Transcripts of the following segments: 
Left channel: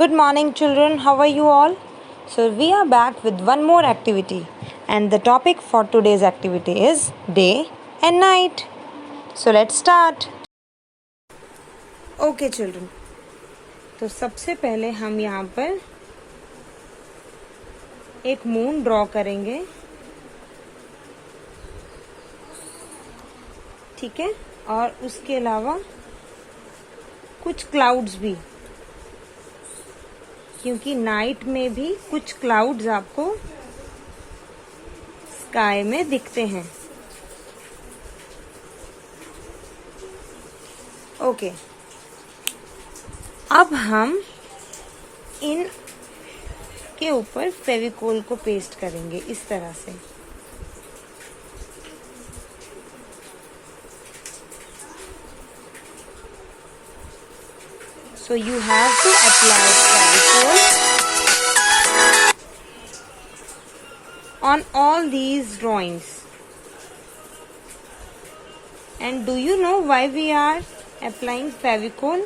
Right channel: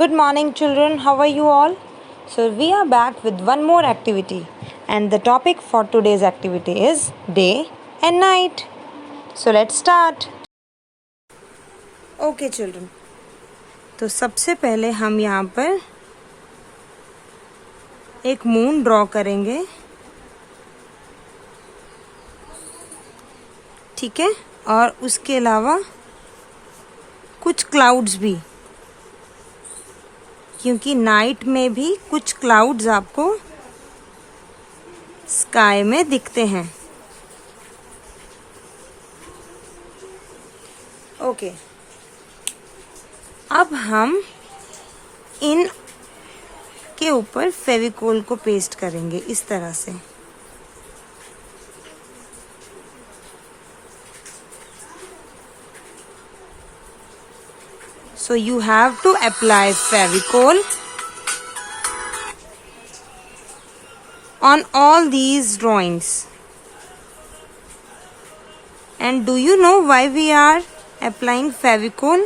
Good morning, children. How are you all? So, we are back with one more activity, and the topic for today's activity is day and night. So, let's start. Okay, children. तो सबसे पहले हम यहाँ पर एक moon draw करेंगे, ठीक है, और उसके अलावा कुछ क्लाउड्स भी, क्योंकि नाइट में भी कुछ क्लाउड्स आपको स्काई में दिखते हैं। ओके, अब हम इन के ऊपर फेविकोल को पेस्ट करेंगे इस तरह से। So you have to apply Fevicol on all these drawings. And do you know why we are applying Fevicol?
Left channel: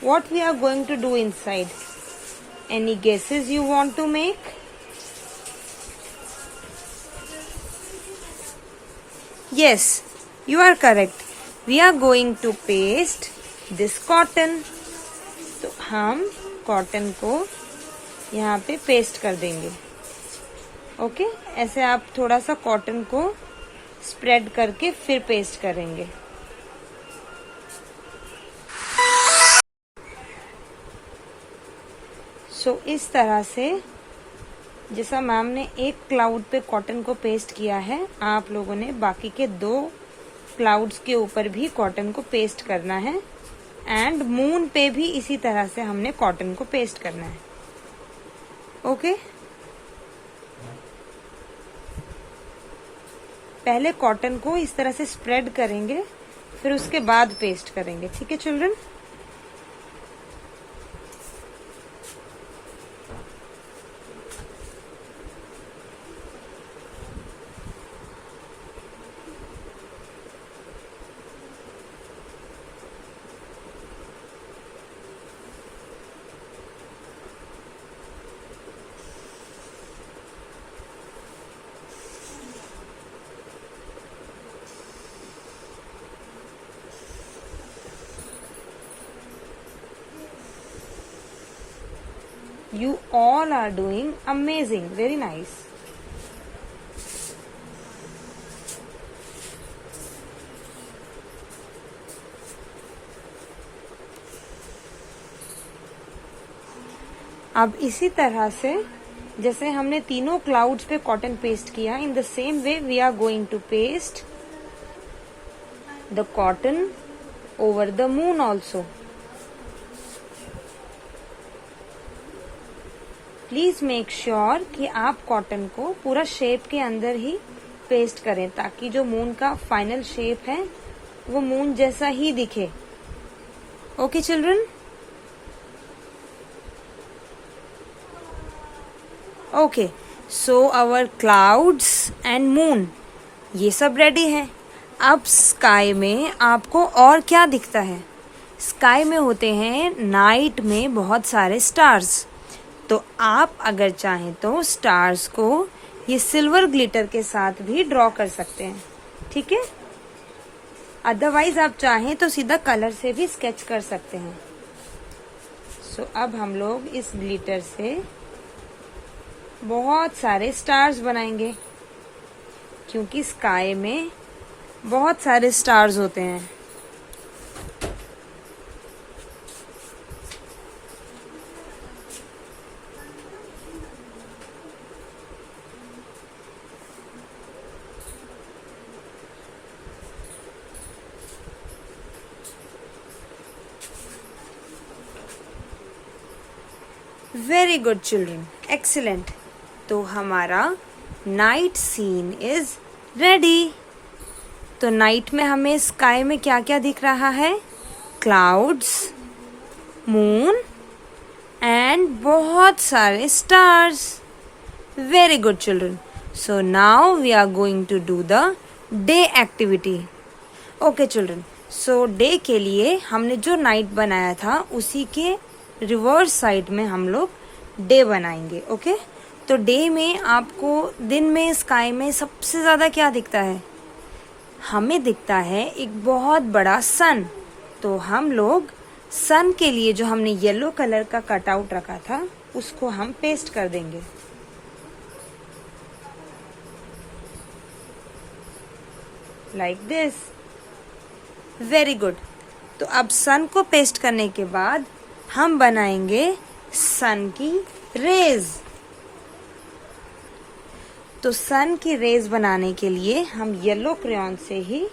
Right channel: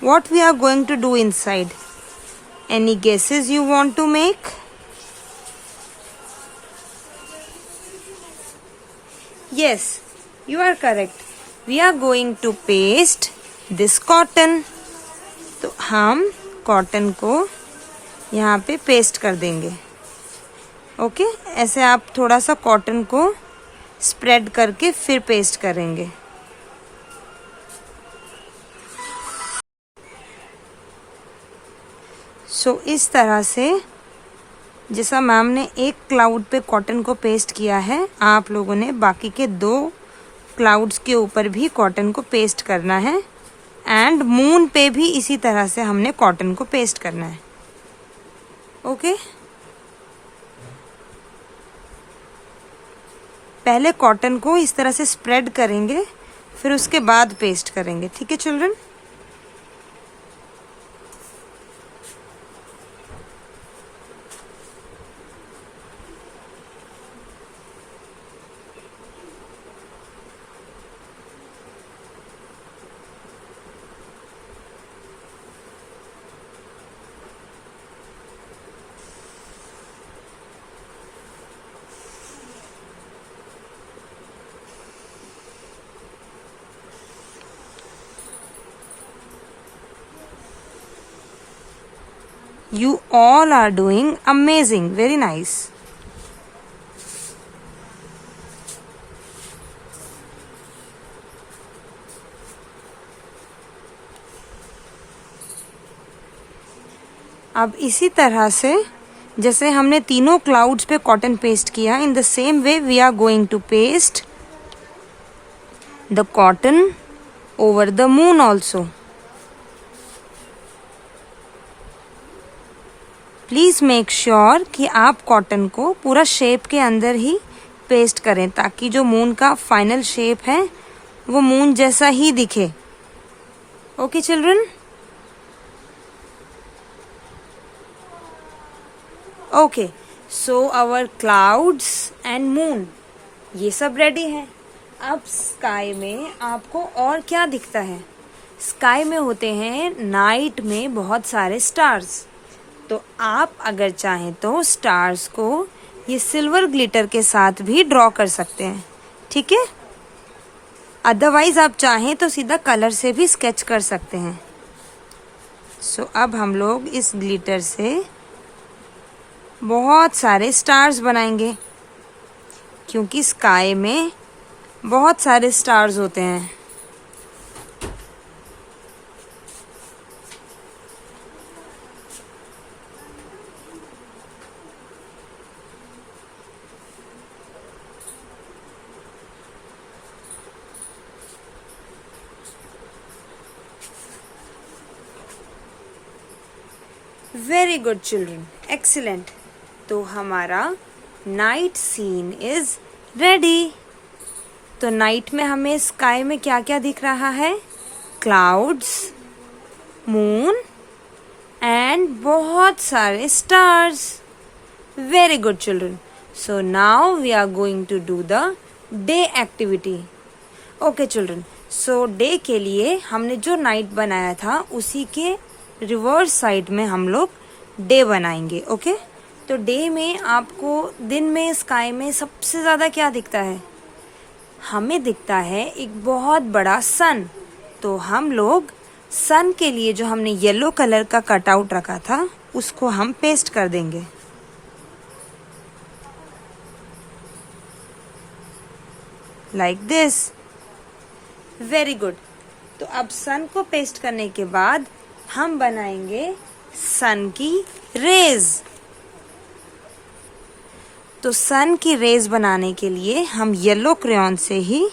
What we are going to do inside? Any guesses you want to make? Yes, you are correct. We are going to paste this cotton. तो हम cotton को यहाँ पे paste कर देंगे। Okay, ऐसे आप थोड़ा सा कॉटन को स्प्रेड करके फिर पेस्ट करेंगे। सो इस तरह से जैसा मैम ने एक क्लाउड पे कॉटन को पेस्ट किया है, आप लोगों ने बाकी के 2 क्लाउड्स के ऊपर भी कॉटन को पेस्ट करना है, एंड मून पे भी इसी तरह से हमने कॉटन को पेस्ट करना है। ओके, पहले कॉटन को इस तरह से स्प्रेड करेंगे, फिर उसके बाद पेस्ट करेंगे। ठीक है children? You all are doing amazing. Very nice. अब इसी तरह से जैसे हमने तीनों क्लाउड्स पे कॉटन पेस्ट किया, in the same way we are going to paste the cotton over the moon also. Please make sure कि आप कॉटन को पूरा शेप के अंदर ही पेस्ट करें, ताकि जो मून का फाइनल शेप है वो मून जैसा ही दिखे। Okay children? Okay, so our clouds and moon ये सब रेडी हैं। अब स्काई में आपको और क्या दिखता है? स्काई में होते हैं नाइट में बहुत सारे स्टार्स। तो आप अगर चाहें तो स्टार्स को ये सिल्वर ग्लिटर के साथ भी ड्रॉ कर सकते हैं, ठीक है? अदरवाइज आप चाहें तो सीधा कलर से भी स्केच कर सकते हैं। सो अब हम लोग इस ग्लिटर से बहुत सारे स्टार्स बनाएंगे, क्योंकि स्काई में बहुत सारे स्टार्स होते हैं। Very good children, excellent. तो हमारा नाइट सीन इज रेडी। तो नाइट में हमें स्काई में क्या क्या दिख रहा है? क्लाउड्स, मून एंड बहुत सारे stars. Very good children. So now we are going to do the day activity. Okay children, so day के लिए हमने जो नाइट बनाया था उसी के रिवर्स साइड में हम लोग डे बनाएंगे। ओके, तो डे में आपको दिन में स्काई में सबसे ज्यादा क्या दिखता है? हमें दिखता है एक बहुत बड़ा सन। तो हम लोग सन के लिए जो हमने येलो कलर का कटआउट रखा था उसको हम पेस्ट कर देंगे। Like this. Very good. तो अब सन को पेस्ट करने के बाद हम बनाएंगे सन की रेज। तो सन की रेज बनाने के लिए हम येलो क्रेयॉन से ही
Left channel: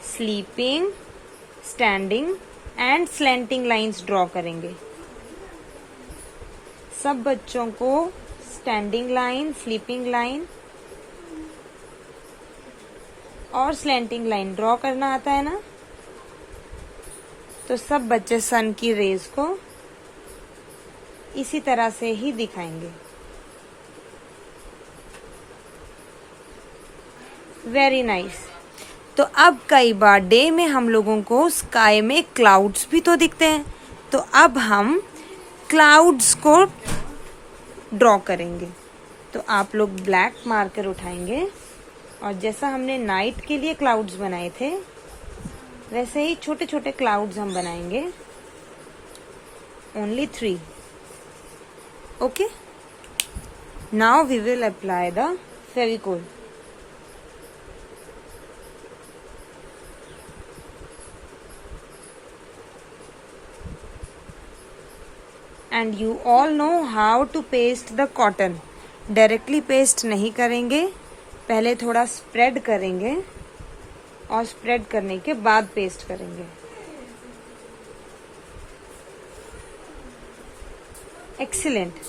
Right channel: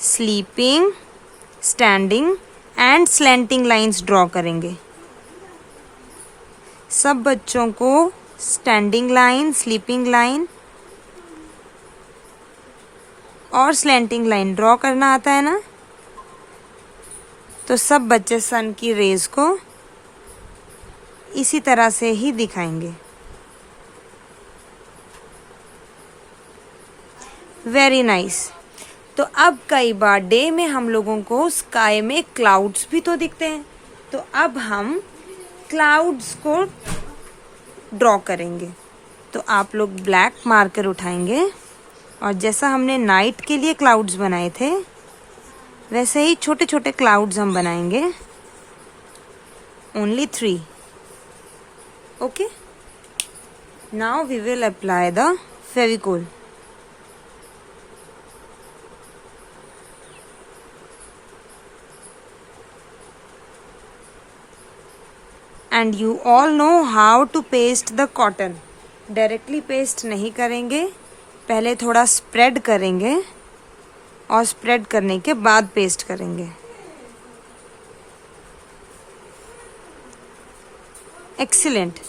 sleeping, standing and slanting lines draw करेंगे। सब बच्चों को स्टैंडिंग लाइन, स्लीपिंग लाइन और स्लैंटिंग लाइन ड्रॉ करना आता है ना? तो सब बच्चे सन की रेज को इसी तरह से ही दिखाएंगे। Very nice. तो अब कई बार डे में हम लोगों को स्काई में क्लाउड्स भी तो दिखते हैं, तो अब हम क्लाउड्स को ड्रॉ करेंगे। तो आप लोग ब्लैक मार्कर उठाएंगे और जैसा हमने नाइट के लिए क्लाउड्स बनाए थे वैसे ही छोटे छोटे क्लाउड्स हम बनाएंगे। Only 3। Okay, now we will apply the Fevicol. And you all know how to paste the cotton. Directly paste नहीं करेंगे, पहले थोड़ा स्प्रेड करेंगे और स्प्रेड करने के बाद पेस्ट करेंगे। Excellent.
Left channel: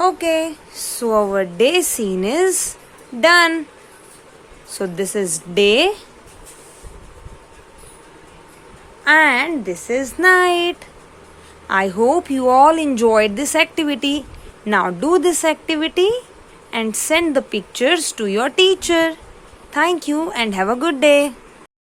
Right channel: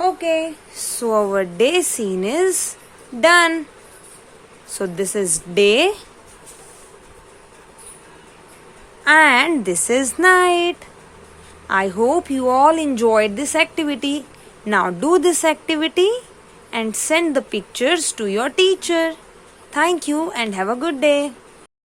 Okay, so our day scene is done. So this is day and this is night. I hope you all enjoyed this activity. Now do this activity and send the pictures to your teacher. Thank you and have a good day.